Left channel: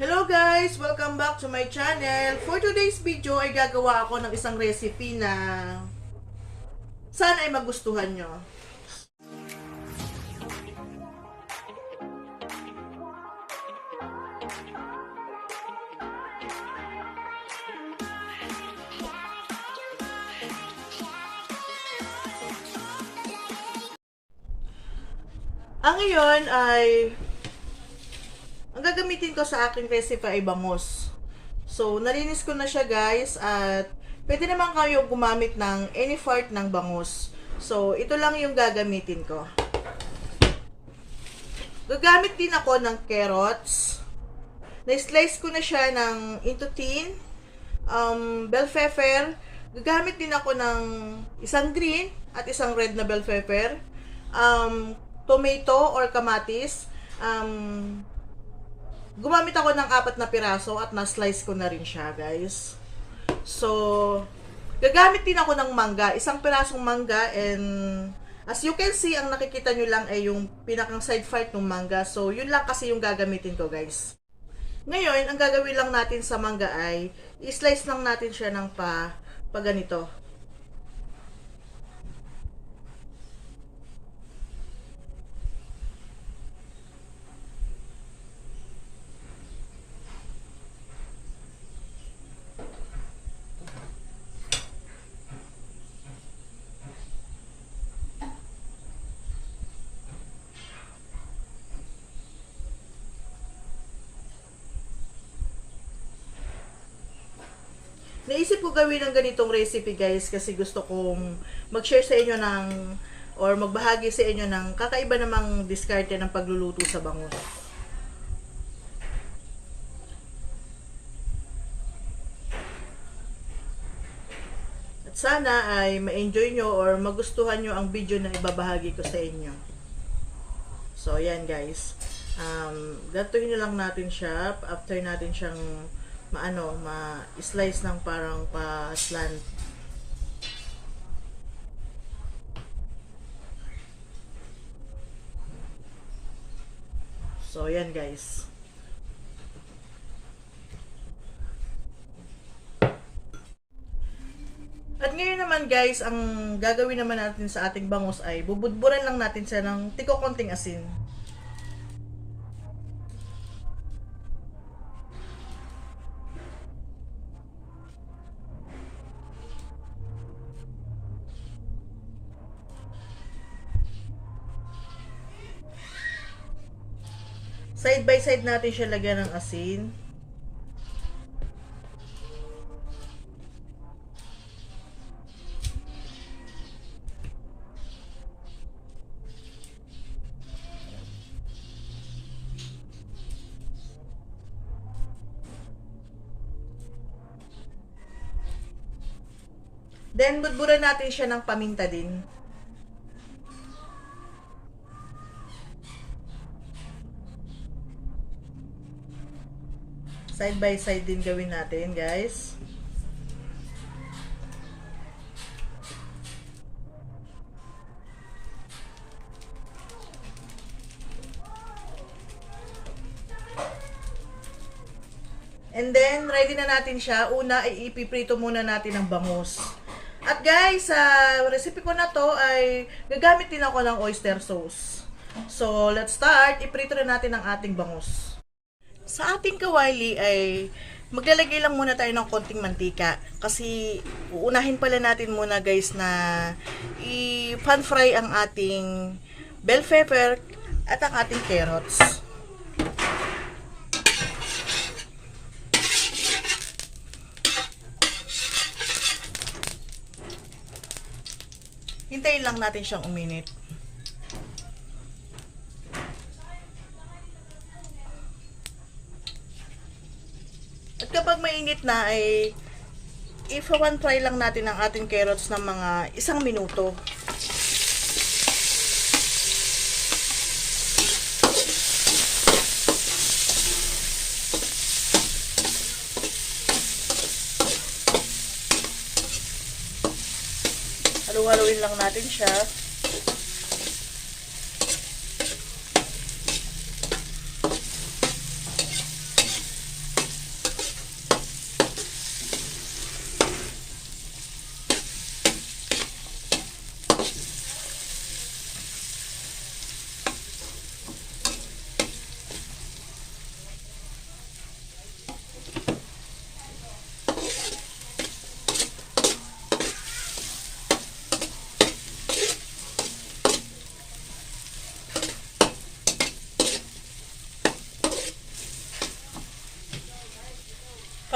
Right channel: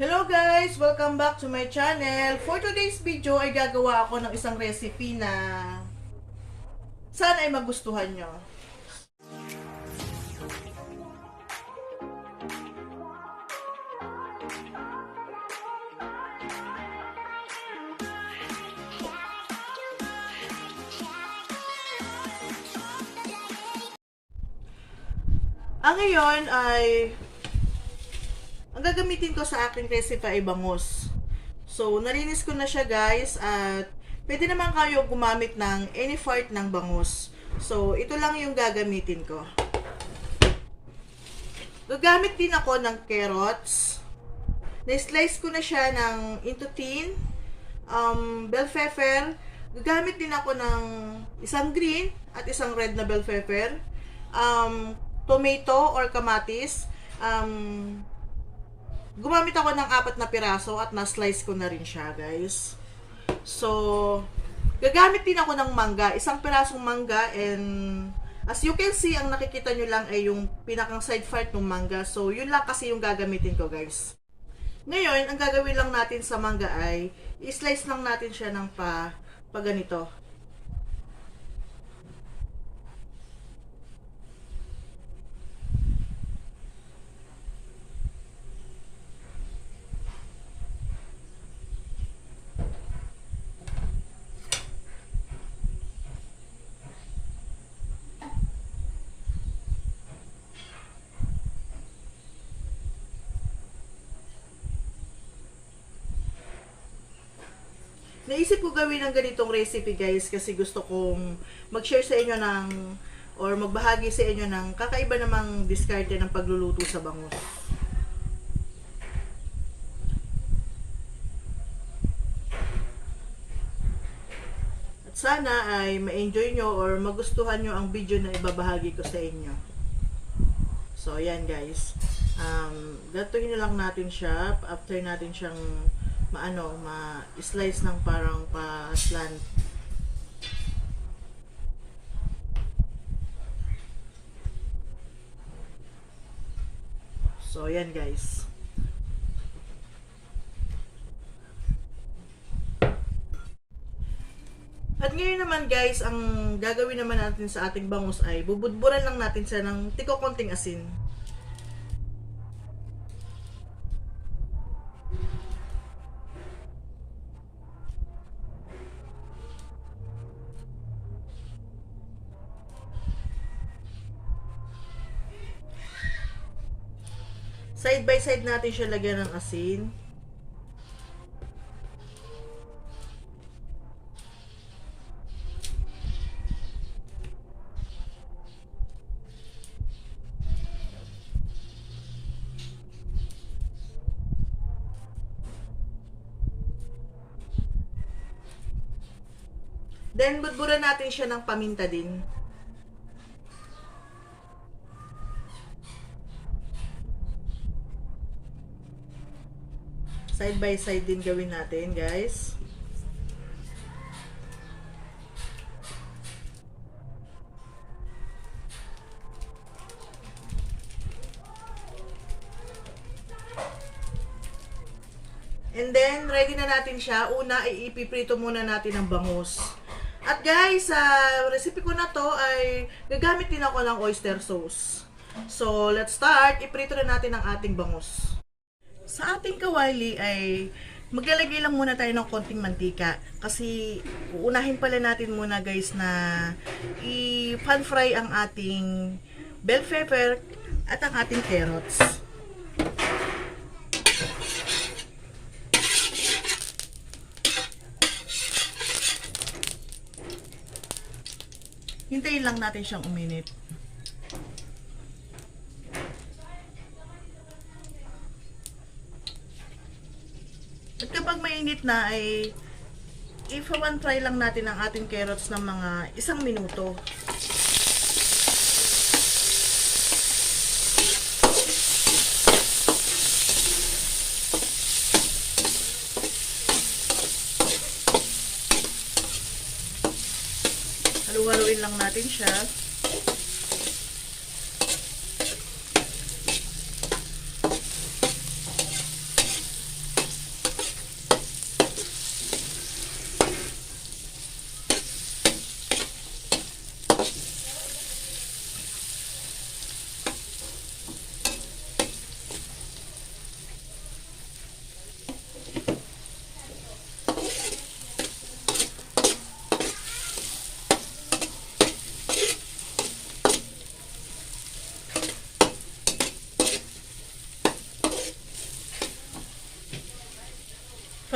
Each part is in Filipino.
Hello guys! Welcome back to my channel. For today's video ay gagawa ako ng isang recipe na sana ay magustuhan nyo. Ang ngayon ay ang gagamitin ko sa aking recipe ay bangus. So, nalinis ko na siya guys at pwede naman kayo gumamit ng any part ng bangus. So, ito lang yung gagamitin ko. Gagamit din ako ng carrots. Na-slice ko na siya into thin. Bell pepper. Gagamit din ako ng isang green at isang red na bell pepper. Tomato or kamatis. Gumamit ako ng 4 na piraso at na-slice ko na rin siya, guys. So, gagamit din ako ng mangga. Isang pirasong mangga and as you can see, ang nakikita nyo lang ay yung pinakang side part ng mangga. So, yun lang kasi yung gagamitin ko, guys. Ngayon, ang gagawin lang natin sa mangga ay i-slice lang natin siya ng pa ganito. Naisip ko gawin ng ganitong recipe guys kasi gusto kong mag-share sa inyo or magbahagi sa inyo ng kakaiba namang diskarte ng pagluluto sa bangus. At sana ay ma-enjoy nyo or magustuhan nyo ang video na ibabahagi ko sa inyo. So, yan guys. Gatuhin nyo lang natin siya after natin siyang ma-slice ng parang pa-slant. So, yan guys. At ngayon naman guys, ang gagawin naman natin sa ating bangus ay bubudburan lang natin siya ng tiko konting asin. Side by side natin siya lagyan ng asin. Then, budburan natin siya ng paminta din. Side by side din gawin natin, guys. And then, ready na natin siya. Una, ay ipiprito muna natin ang bangus. At guys, sa recipe ko na to ay gagamit din ako ng oyster sauce. So, let's start. Iprito na natin ang ating bangus. Sa ating kawali ay maglalagay lang muna tayo ng konting mantika. Kasi uunahin pala natin muna guys na i-pan fry ang ating bell pepper at ang ating carrots. Hintayin lang natin siyang uminit. At kapag mainit na ay i-pan fry lang natin ang ating carrots ng mga 1 minuto. Halu-haluin lang natin siya.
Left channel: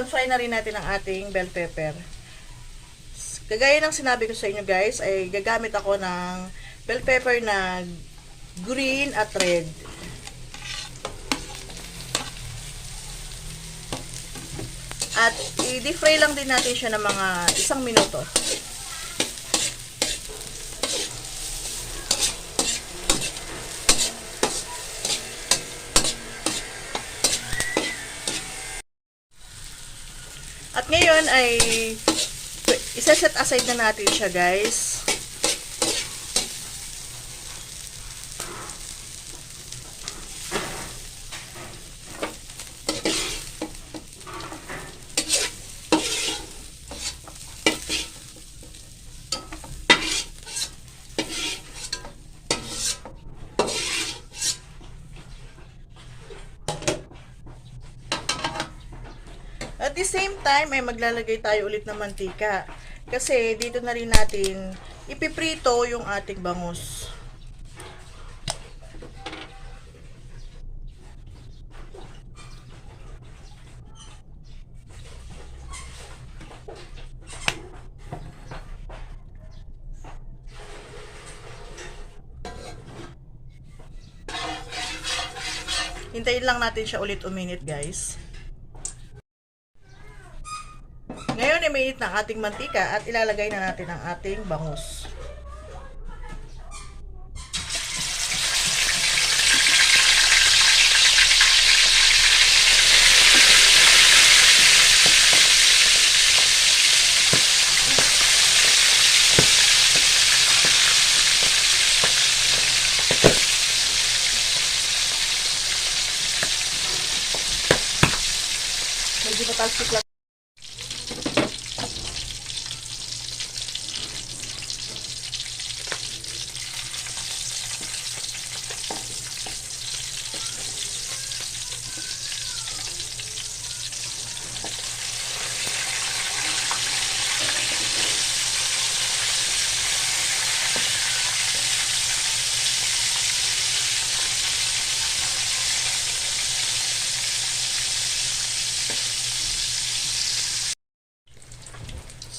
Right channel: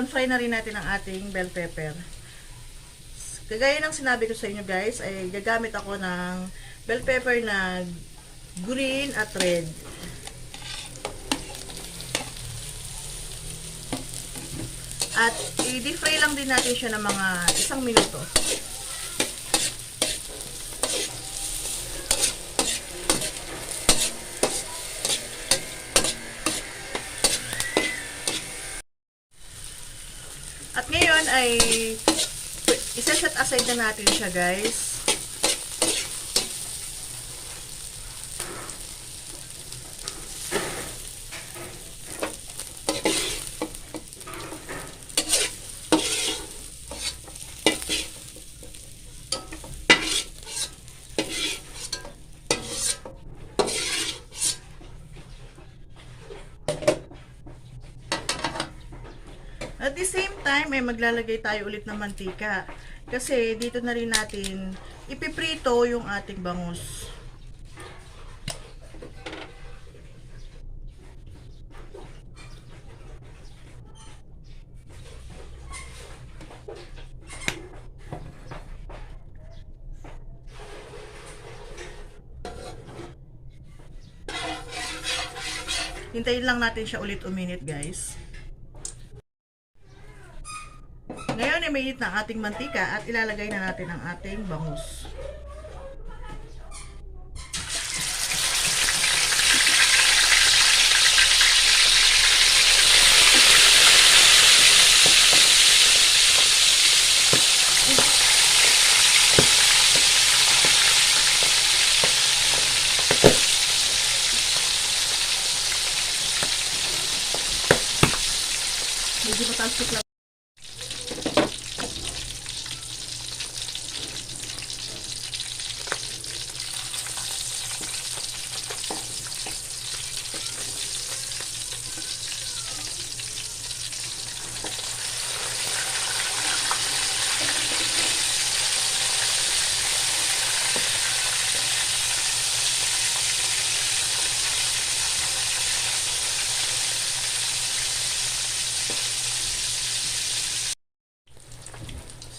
pan-fry na rin natin ang ating bell pepper. Kagaya ng sinabi ko sa inyo guys, ay gagamit ako ng bell pepper na green at red. At i-fry lang din natin siya ng mga 1 minuto. At ngayon ay isa-set aside na natin siya guys. At the same time ay maglalagay tayo ulit ng mantika. Kasi dito na rin natin ipiprito yung ating bangus. Hintayin lang natin siya ulit uminit guys. Ngayon ay mainit na ang ating mantika at ilalagay na natin ang ating bangus. Medyo patasok lang.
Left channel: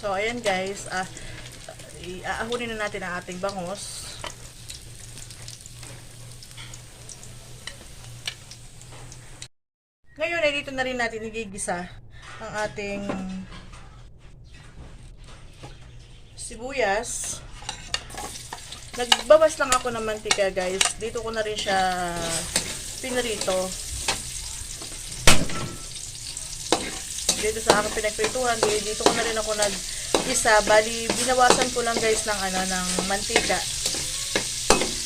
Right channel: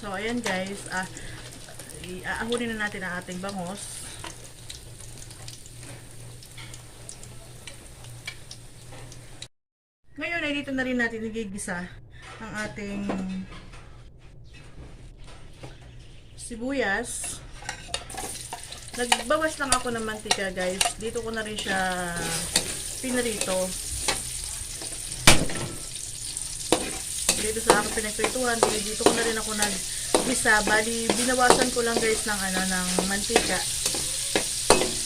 So, ayan guys, aahunin na natin ang ating bangus. Ngayon ay dito na rin natin igigisa ang ating sibuyas. Nagbabas lang ako ng mantika guys. Dito ko na rin siya pinarito. Dito sa aking pinagprituhan, dito ko na rin ako nag-isa. Bali, binawasan ko lang guys ng ng mantika.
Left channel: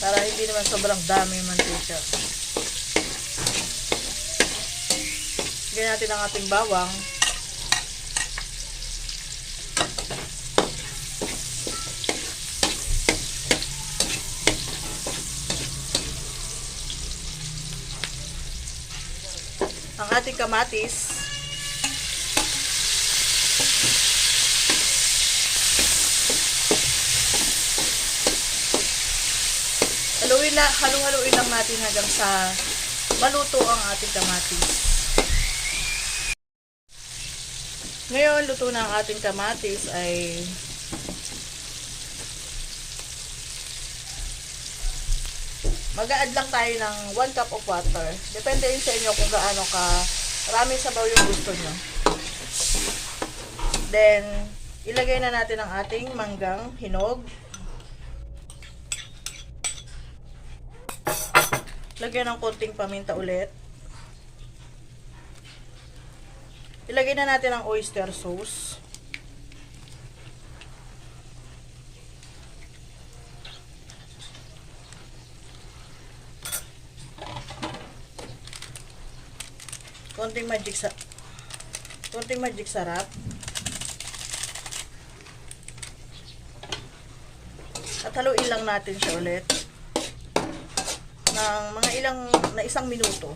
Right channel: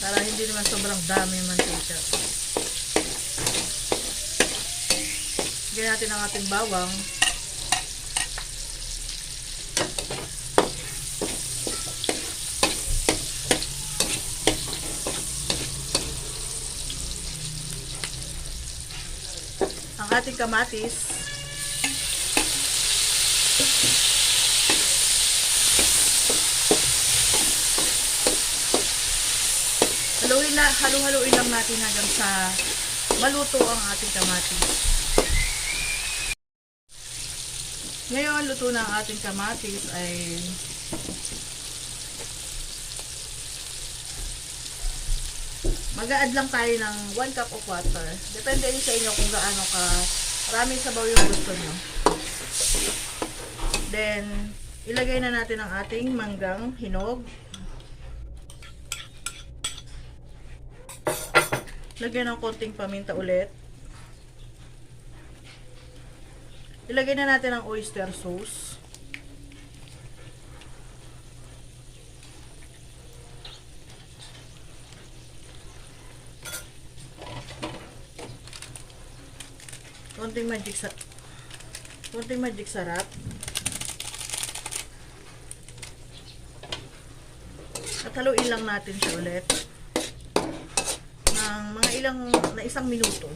Para hindi naman sobrang dami yung mantika. Lagyan natin ang ating bawang. Ang ating kamatis. Haluin lang natin hanggang sa maluto ang ating kamatis. Ngayon, luto na ang ating kamatis ay mag-a-add lang tayo ng 1 cup of water. Depende rin sa inyo kung gaano ka maraming sabaw yung gusto nyo. Then, ilagay na natin ang ating manggang hinog. Lagyan ng konting paminta ulit. Ilagay na natin ang oyster sauce. Konting magic sarap. At haluin lang natin siya ulit ng mga na 1 minuto.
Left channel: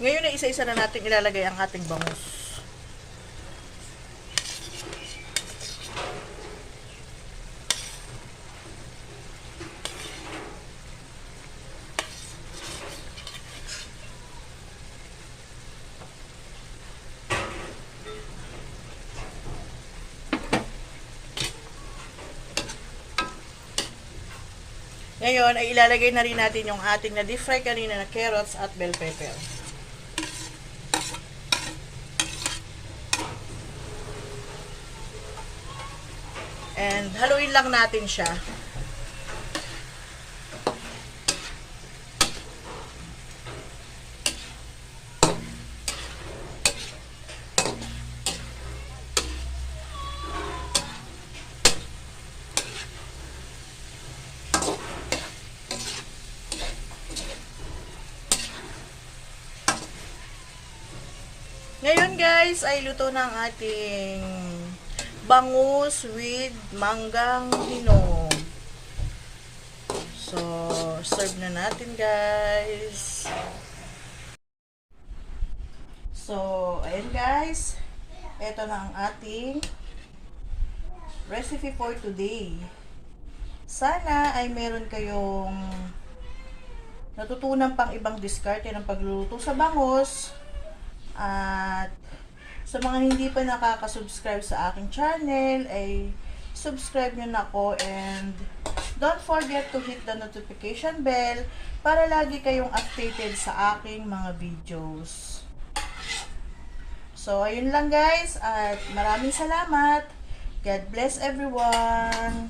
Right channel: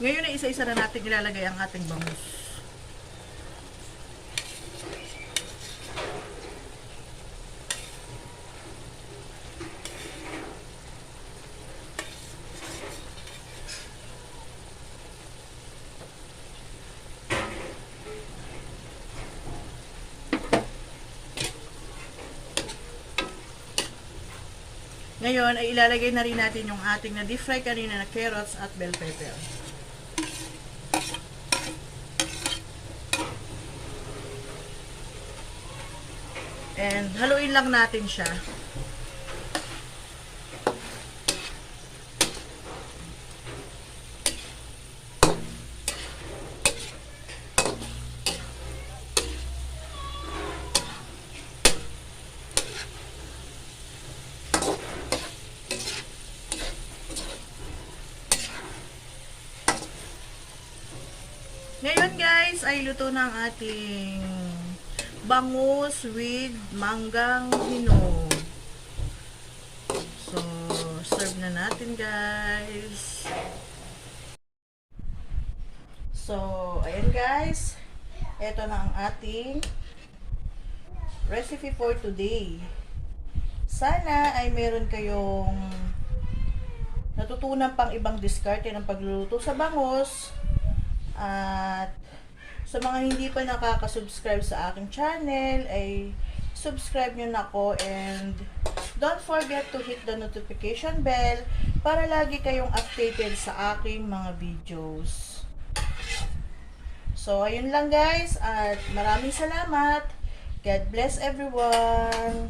Ngayon ay isa-isa na natin ilalagay ang ating bangus. Ngayon ay ilalagay na rin natin yung ating na deep fry kanina na carrots at bell pepper. And haluin lang natin siya. Ngayon guys, ay luto na ang ating bangus with manggang hinog. So, serve na natin guys. So, ayan guys. Ito na ang ating recipe for today. Sana ay meron kayong natutunan pang ibang diskarte ng pagluluto sa bangus. At sa mga hindi pa nakaka-subscribe sa aking channel, ay subscribe nyo na ako and don't forget to hit the notification bell para lagi kayong updated sa aking mga videos. So, ayun lang guys at maraming salamat. God bless everyone.